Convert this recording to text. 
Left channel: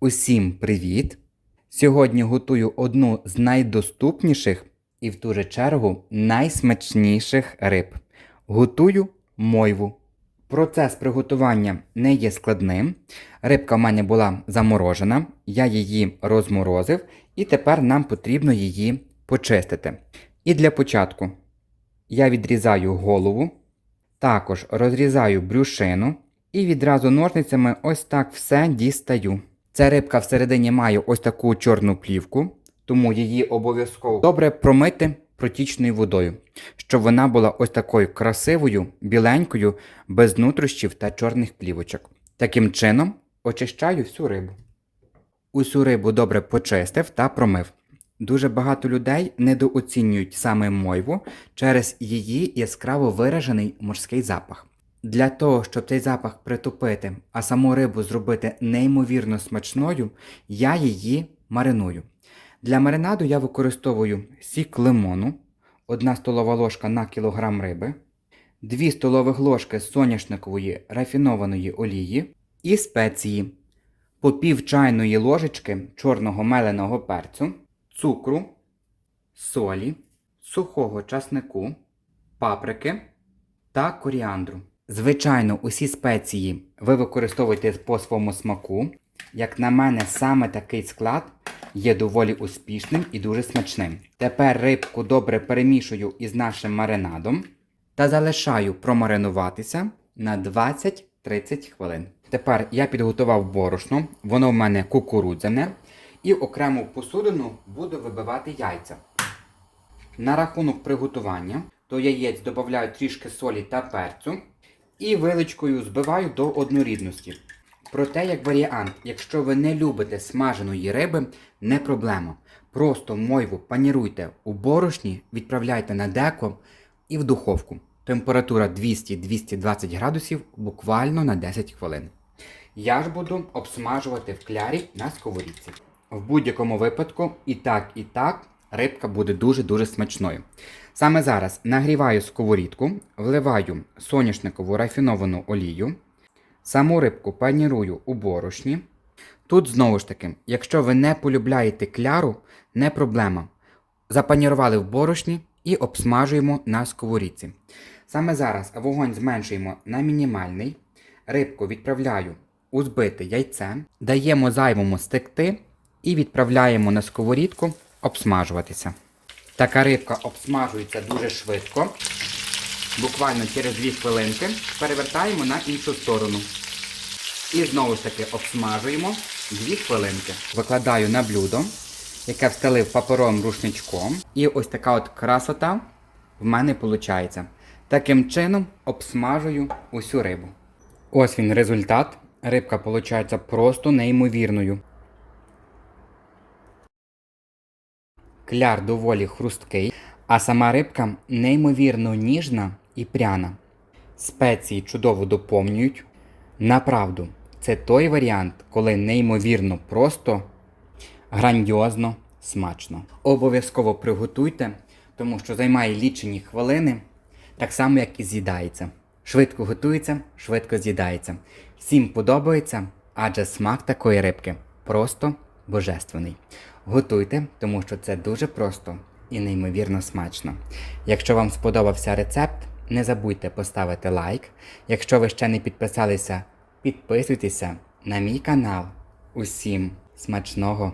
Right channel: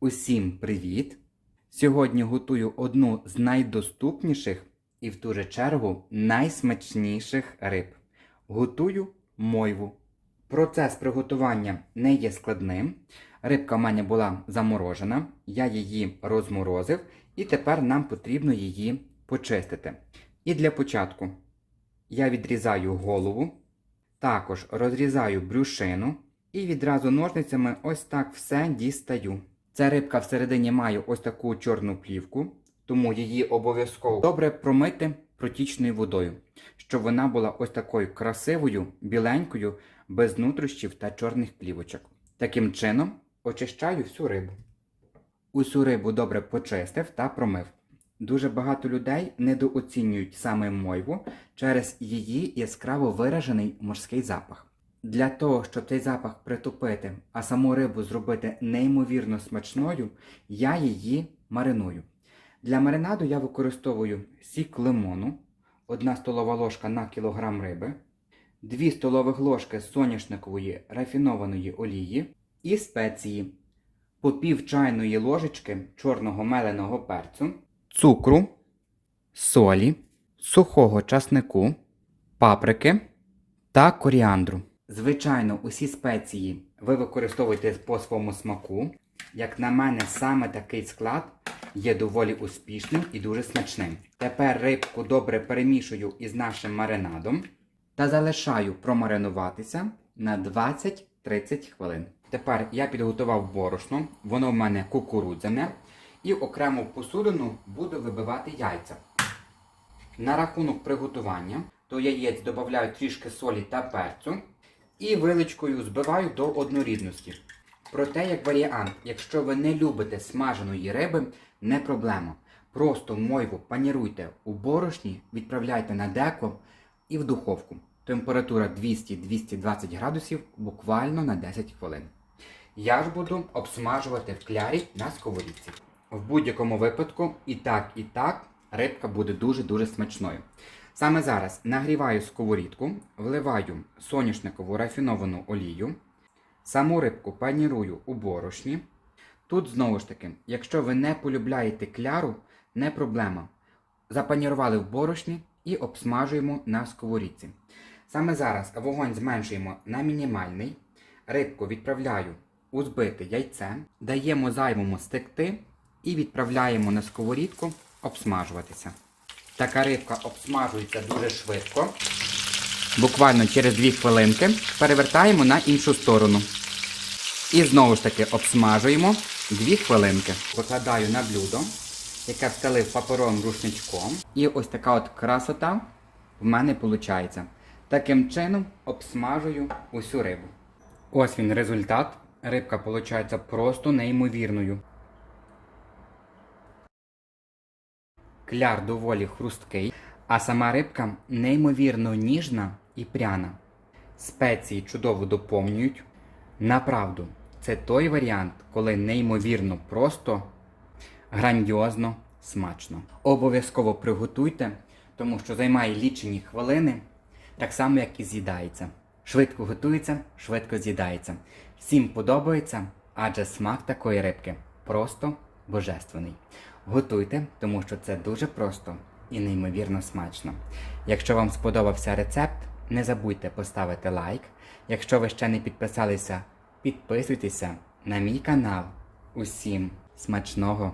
Усім привіт! Сьогодні готую одну з найдоступніших і в ту же чергу найсмачніших риб. Готую мойву. Процес приготування не є складним. Рибка в мене була заморожена, я її розморозив, і тепер нам потрібно її почистити. І для початку я відрізаю голову, також розрізаю брюшину і відразу ножницями ось так все дістаю. Ця рибка всередині має ось таку чорну плівку, тому її обов'язково добре промити протічною водою, щоб вона була ось такою красивою, біленькою, без нутрощів та чорних плівочок. Таким чином очищаю всю рибу. Усю рибу добре почистив та промив. Дуже багато людей недооцінюють саме мойву через її яскраво виражений морський запах. Для того, щоб цей запах притупити, а саму рибу зробити неймовірно смачною, я її мариную. Для маринаду я використовую сік лимону, 1 столова ложка на кілограм риби, 2 столових ложки соняшникової рафінованої олії і спеції, по пів чайної ложечки чорного меленого перцю, цукру, солі, сухого часнику, паприки та коріандру. Звичайно, усі спеції ви використовуєте по своєму смаку. Як на мене, саме такий склад є доволі успішним і дуже смачним. Тепер рибку добре перемішую із нашим маринадом та залишаю промаринуватися на 20-30 хвилин. Тепер я підготував борошно, воно в мене кукурудзяне, і окремо в посудину буду вибивати яйця. На рахунок приготування до яєць додаю трішки солі та перцю і виличкою збиваю до однорідності. Проте, як варіант, якщо ви не любите смаженої риби, не проблема. Просто мойву паніруйте у борошні, відправляйте на деко і в духовку. Температура 200-220 градусів буквально на 10 хвилин. Я ж буду обсмажувати в клярі на сковорідці. В будь-якому випадку і так, і так рибка буде дуже-дуже смачною. Саме зараз нагріваю сковорідку, вливаю соняшникову рафіновану олію, саму рибку панірую у борошні. Тут знову ж таки, якщо ви не полюбляєте кляру, не проблема. Запанірували в борошні і обсмажуємо на сковорідці. Саме зараз вогонь зменшуємо на мінімальний, рибку відправляю у збите яйце, даємо зайвому стекти і відправляємо на сковорідку обсмажуватися. Така рибка обсмажується дуже швидко. Буквально через 2 хвилинки перевертаємо на іншу сторону. І знову ж таки обсмажуємо 2 хвилинки. Викладаю на блюдо, яке встелив паперовим рушничком. І ось така от красота в мене виходить. Таким чином обсмажую усю рибу. Ось він результат. Рибка виходить просто неймовірною. Кляр доволі хрусткий, а сама рибка неймовірно ніжна і пряна. Спеції чудово доповнюють. Направду, це той варіант, коли неймовірно просто, грандіозно, смачно. Обов'язково приготуйте, тому що займає лічені хвилини, так само, як і з'їдається. Швидко готується, швидко з'їдається. Всім подобається, адже смак такої рибки просто божественний. Готуйте, тому що це дуже просто і неймовірно смачно. Якщо вам сподобався рецепт, не забудьте поставити лайк. Якщо ви ще не підписалися, підписуйтеся на мій канал. Усім смачного!